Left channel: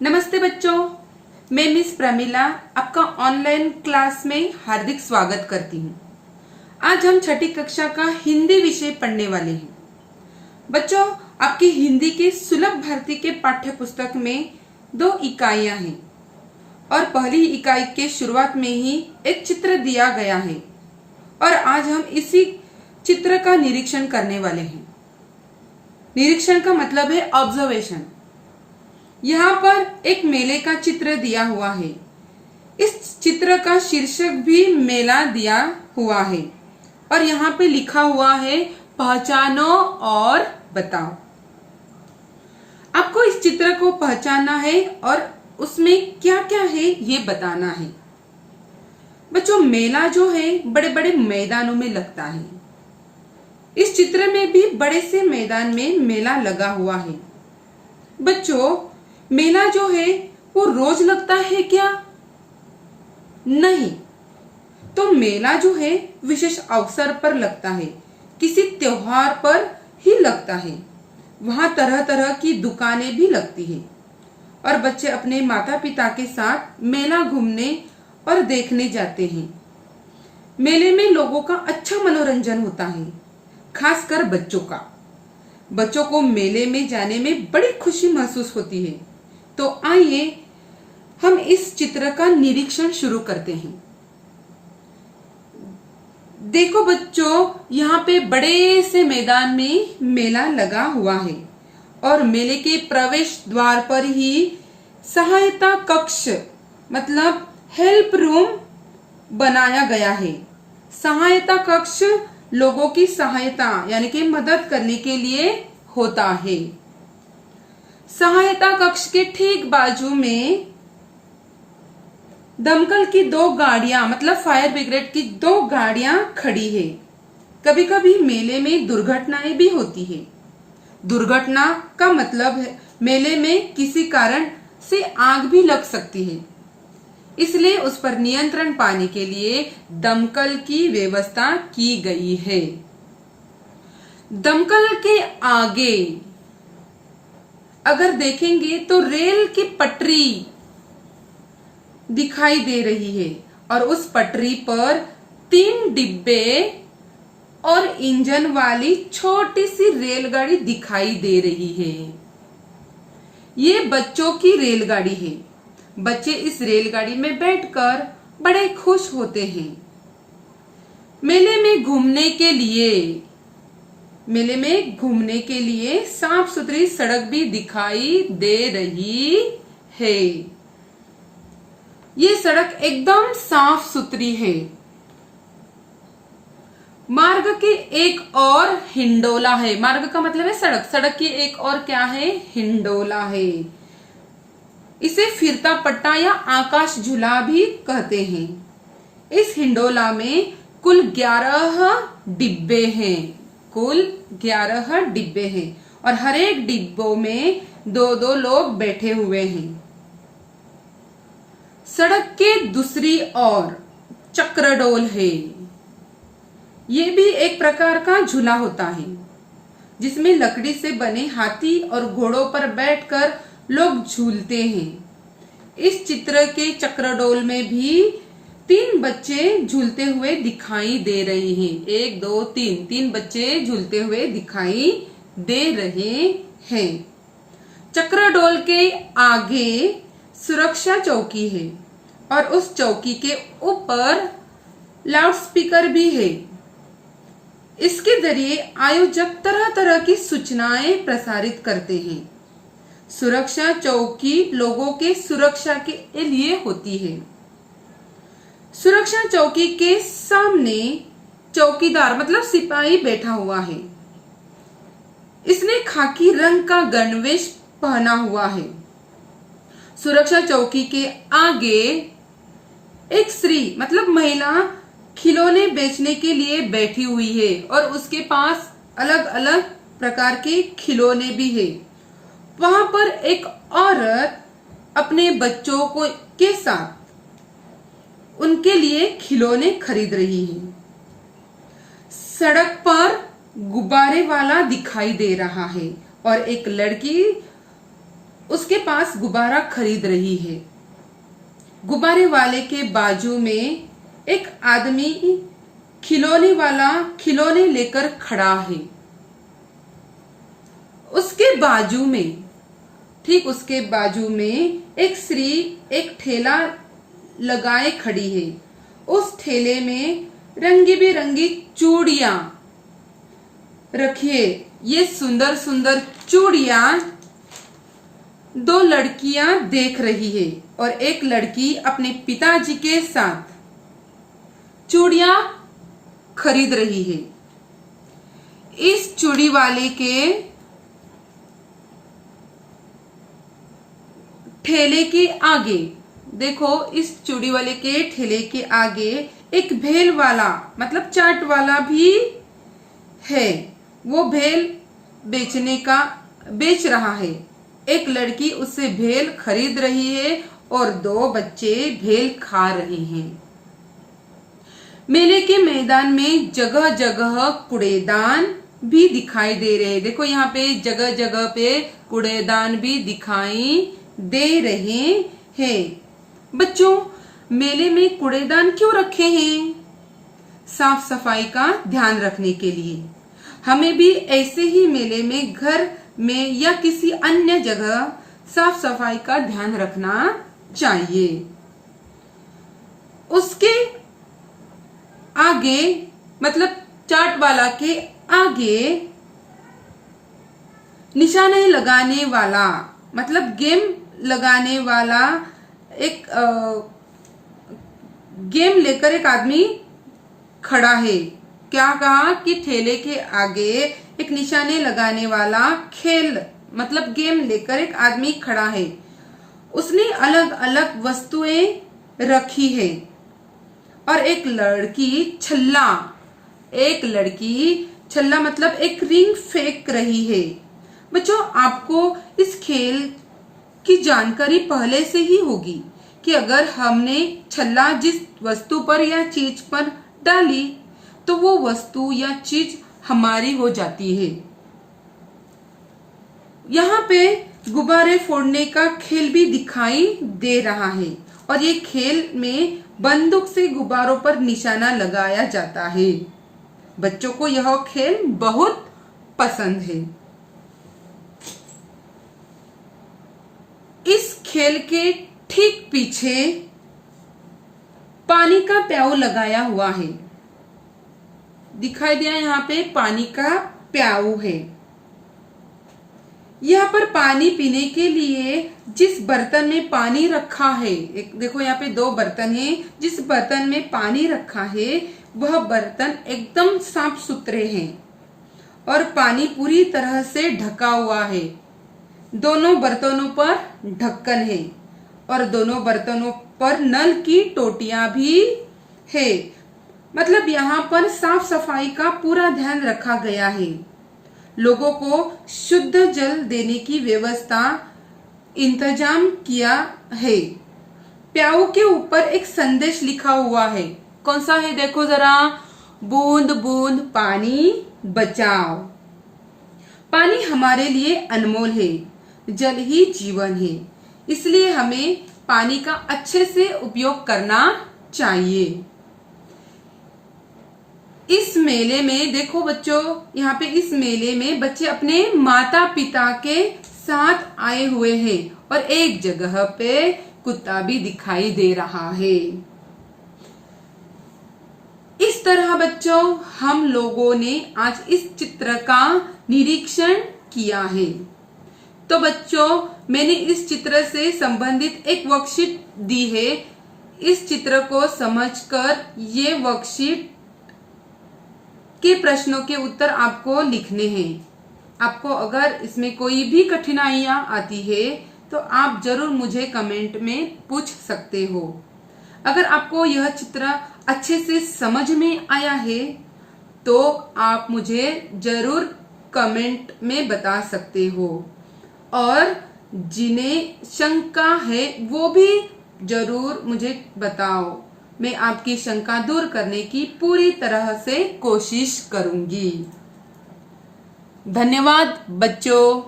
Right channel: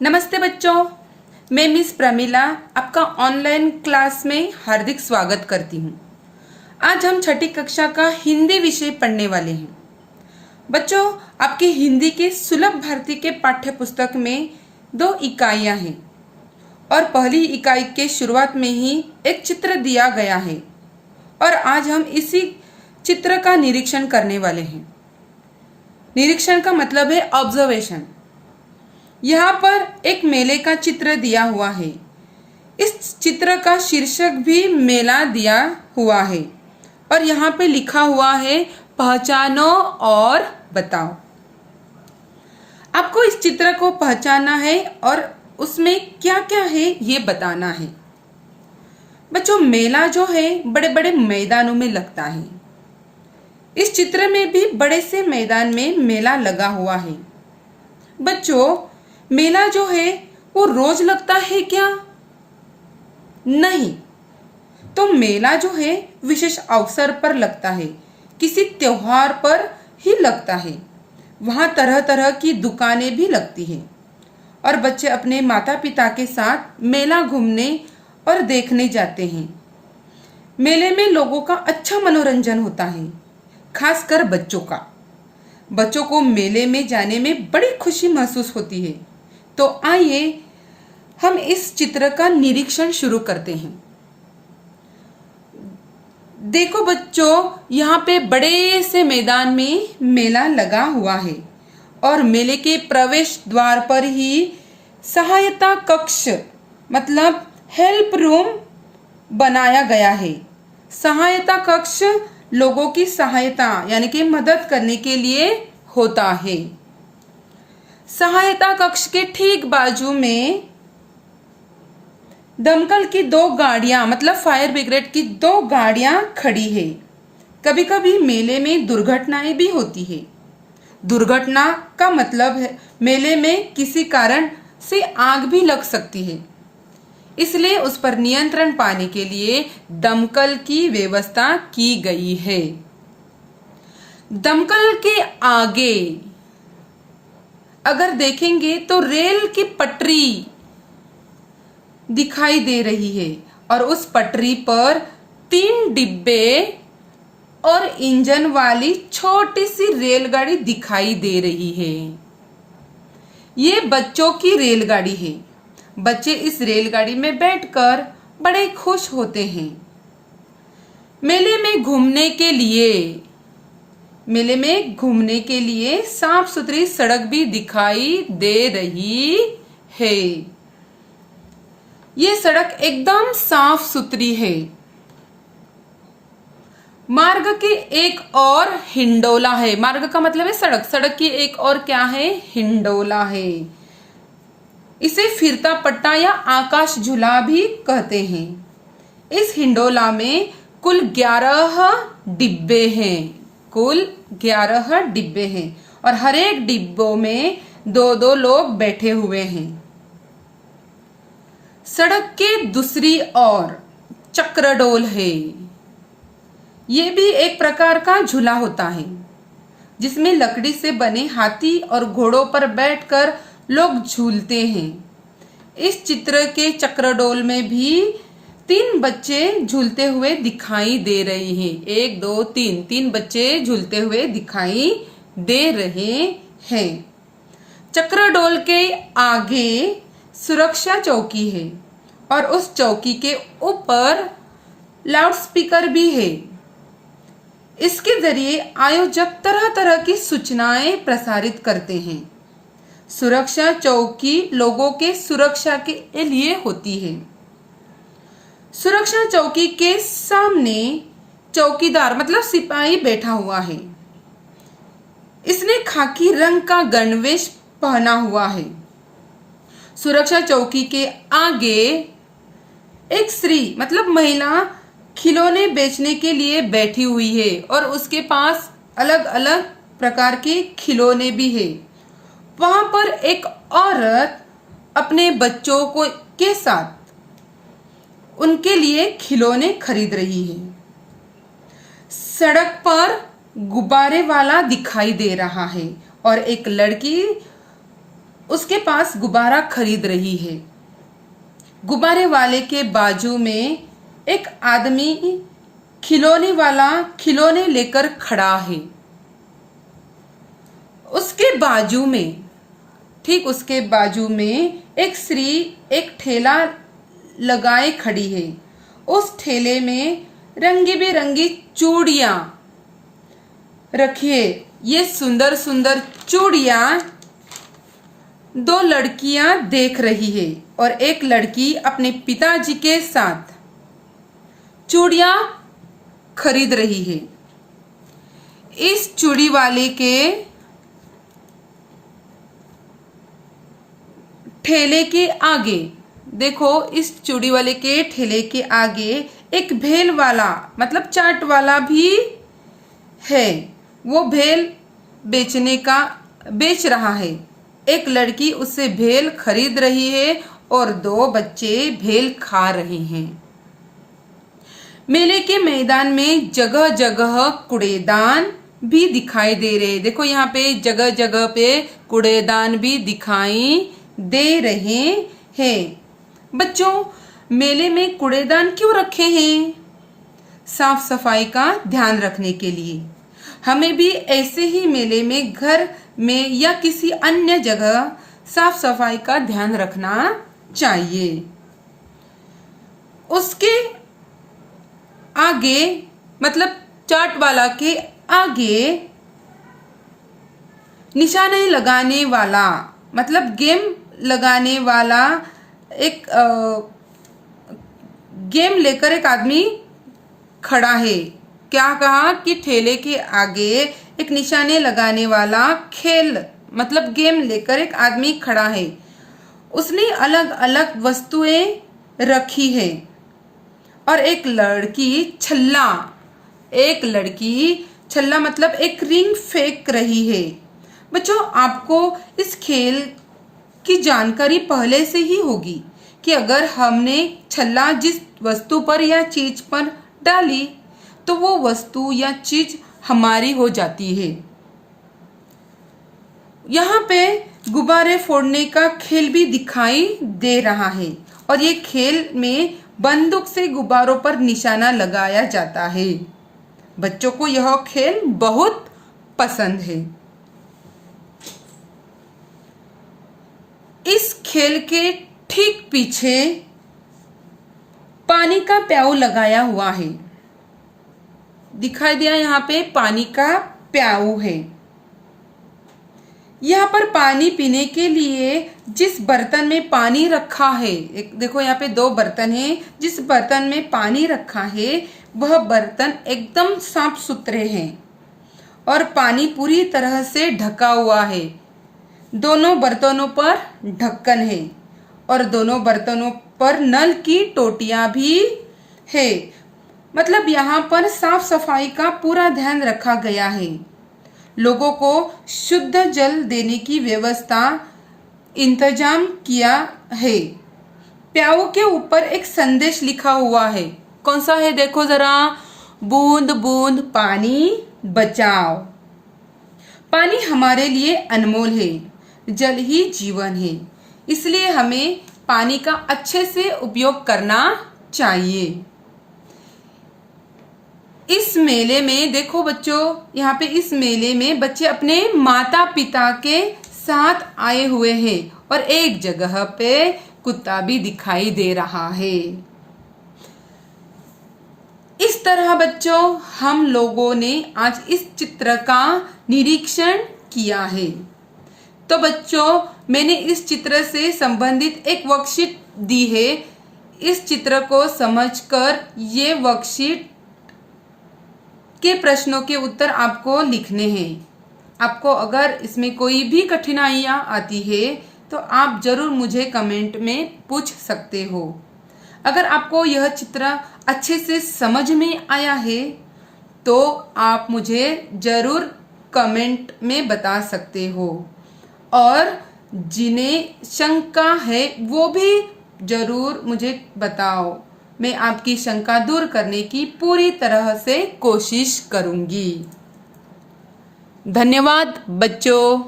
नमस्ते बच्चों, मैं मिस प्रमिला आपका ऑनलाइन क्लास में हार्दिक स्वागत करती हूँ। आज हम छठी कक्षा का हिंदी विषय पढ़ने वाले हैं। बच्चों, आपकी हिंदी के सुलभ भारती के पाठ्य पुस्तक में 2 इकाइयाँ हैं और पहली इकाई के शुरुआत में ही एक चित्र दिया गया है और आज हम इसी चित्र का निरीक्षण करने वाले हैं। निरीक्षण का मतलब है ऑब्जर्वेशन। यहाँ पर एक मेले का चित्र दिया हुआ है। इस चित्र का शीर्षक भी मेला दिया हुआ है और यहाँ पे लिखा हुआ है पहचानो और बताओ। आपको इस चित्र को पहचानना है और उसमें क्या क्या है ये बताना है। बच्चों, मेला जो है बड़े बड़े मैदानों में लगता है। इस चित्र में भी बड़े से मैदान में मेला लगा हुआ है। बच्चों, मेला जो है वो रोज लगता है क्या? नहीं, तो मेला जो है विशेष अवसर पर लगता है, किसी त्योहार पर ही लगता है। वहां तरह तरह की दुकानें भी लगती है और बच्चे अपने माता पिता के साथ मेला घूमने और देखने जाते हैं। मेले में लोगों का अच्छा मनोरंजन होता है, खासकर बच्चों का। बच्चों को मेले में जाने में बड़ी खुशी महसूस होती है। तो आइए हम इस चित्र का निरीक्षण शुरू करते हैं। देखो बच्चों, यहाँ पे बड़े से मैदान में मेला लगा हुआ है और मेले के प्रवेश द्वार पर ही सहायता कक्ष मतलब हेल्प रूम बनाया गया है। सहायता कक्ष लोगों की सहायता यानी कि मदद करने के लिए होता है। सहायता कक्ष के ठीक बाजू में दमकल की 2 गाड़ियां मतलब फायर ब्रिगेड की 2 गाड़ियां खड़ी है। कभी कभी मेले में दुर्घटनाएं भी होती है। दुर्घटना का मतलब है मेले में किसी कारण से आग भी लग सकती है, इसलिए उस पर नियंत्रण पाने के लिए दमकल की व्यवस्था की गई है। दमकल के आगे अगर देखेंगे तो रेल की पटरी दिखाई दे रही है और उस पटरी पर 3 डिब्बे और इंजन वाली छोटी सी रेलगाड़ी दिखाई दे रही है। ये बच्चों की रेलगाड़ी है। बच्चे इस रेलगाड़ी में बैठकर बड़े खुश होते हैं। मेले में घूमने के लिए साफ सुथरी सड़क भी दिखाई दे रही है। ये सड़क एकदम साफ सुथरी है। मार्ग की एक और हिंडोला है। मार्ग का मतलब है सड़क। सड़क की एक और क्या है? हिंडोला है। इसे फिरता पट्टा या आकाश झूला भी कहते हैं। इस हिंडोला में कुल 11 डिब्बे हैं। कुल 11 डिब्बे हैं और हर एक डिब्बों में 2-2 लोग बैठे हुए हैं। सड़क के दूसरी ओर चक्रडोल है। ये भी एक प्रकार का झूला होता है जिसमें लकड़ी से बने हाथी और घोड़ों पर बैठकर लोग झूलते हैं। इस चित्र के चक्रडोल में भी 3 बच्चे झूलते हुए दिखाई दे रहे हैं। 1 2 3 बच्चे झूलते हुए दिखाई दे रहे हैं। चक्रडोल के आगे सुरक्षा चौकी है और उस चौकी के ऊपर लाउडस्पीकर भी है। इसके जरिए आयोजक तरह तरह की सूचनाएं प्रसारित करते हैं। सुरक्षा चौकी लोगों के सुरक्षा के लिए होती है। सुरक्षा चौकी के सामने चौकीदार मतलब सिपाही बैठा हुआ है। इसने खाकी रंग का गणवेश पहना हुआ है। सुरक्षा चौकी के आगे एक स्त्री मतलब महिला खिलौने बेचने के लिए बैठी हुई है और उसके पास अलग अलग प्रकार के खिलौने भी है। वहां पर एक औरत अपने बच्चों को के साथ उनके लिए खिलौने खरीद रही है। सड़क पर गुब्बारे वाला दिखाई दे रहा है और एक लड़की उसके पास गुब्बारा खरीद रही है। गुब्बारे वाले के बाजू में एक आदमी खिलौने वाला खिलौने लेकर खड़ा है। उसके बाजू में, ठीक उसके बाजू में एक स्त्री एक ठेला लगाए खड़ी है। उस ठेले में रंगी बिरंगी चूड़ियां रखी है। ये सुंदर सुंदर चूड़ियां दो लड़कियां देख रही है और एक लड़की अपने पिताजी के साथ चूड़ियां खरीद रही है। इस चूड़ी वाले के ठेले के आगे देखो, इस चूड़ी वाले के ठेले के आगे एक भेल वाला मतलब चाट वाला भी है। वो भेल बेच रहा है। एक लड़की उससे भेल खरीद रही है और दो बच्चे भेल खा रहे हैं। मेले के मैदान में जगह जगह कूड़ेदान भी दिखाई दे रहे हैं। देखो यहाँ पे जगह जगह पे कूड़ेदान भी दिखाई दे रहे हैं। बच्चों, मेले में कूड़ेदान क्यों रखे हैं? साफ सफाई का ध्यान रखने के लिए। हमें भी ऐसे ही मेले में, घर में या किसी अन्य जगह साफ सफाई का ध्यान रखना चाहिए। उसके आगे मतलब चाट वाला के आगे निशाने लगाने वाला मतलब गेम लगाने वाला एक गेम लेकर एक आदमी खड़ा है। क्या कहा कि ठेले के आगे एक निशाने लगाने वाला खेल मतलब गेम लेकर एक आदमी खड़ा है। उसने अलग अलग वस्तुएं रखी है और एक लड़की छल्ला मतलब एक रिंग फेंक रही है। बच्चों, आपको इस खेल की जानकारी पहले से ही होगी कि अगर हमने छल्ला जिस वस्तु पर या चीज पर डाली तो वो वस्तु या चीज हमारी हो जाती है। यहाँ पे गुब्बारे फोड़ने का खेल भी दिखाई दे रहा है और ये खेल में बंदूक से गुब्बारों पर निशाना लगाया जाता है। बच्चों को यह खेल बहुत पसंद है। इस खेल के ठीक पीछे पानी का प्याऊ लगाया हुआ है। दिखाई दिया यहाँ पे पानी का प्याऊ है। यहाँ पर पानी पीने के लिए जिस बर्तन में पानी रखा है, एक देखो यहाँ पे दो बर्तन है। जिस बर्तन में पानी रखा है वह बर्तन एकदम साफ सुथरे हैं और पानी पूरी तरह से ढका हुआ है। दोनों बर्तनों पर ढक्कन है और दोनों बर्तनों पर नल की टोटियां भी है। मतलब यहाँ पर साफ सफाई का पूरा ध्यान रखा गया है। लोगों को शुद्ध जल देने की व्यवस्था इंतजाम किया है। प्याऊ के ऊपर एक संदेश लिखा हुआ है। कौन सा है देखो जरा, बूंद बूंद पानी बचाओ। पानी हमारे लिए अनमोल है, जल ही जीवन है, इसलिए हमें पानी का अच्छे से उपयोग करना चाहिए। इस मेले में देखो बच्चों, यहाँ पे इस मेले में बच्चे अपने माता पिता के साथ आए हुए हैं और एक जगह पे कुत्ता भी दिखाई दे रहा है। इस तरह बच्चों हम लोगों ने आज इस चित्र का निरीक्षण किया है। तो बच्चों, मैंने इस चित्र से संबंधित एक वर्कशीट दी है। इस चित्र को समझकर ये वर्कशीट के प्रश्नों के उत्तर आपको लिखने हैं। आपको अगर इसमें कोई भी कठिनाइयां आती है तो आप जरूर मुझे कमेंट में पूछ सकते हो। अगर आपको यह चित्र अच्छे से समझ में आया है तो आप मुझे जरूर कमेंट में बता सकते हो और जिन्हें शंका है वो भी जरूर मुझे बताओ। मैं आपकी शंका दूर करने की पूरी तरह से कोशिश करूंगी। धन्यवाद बच्चों।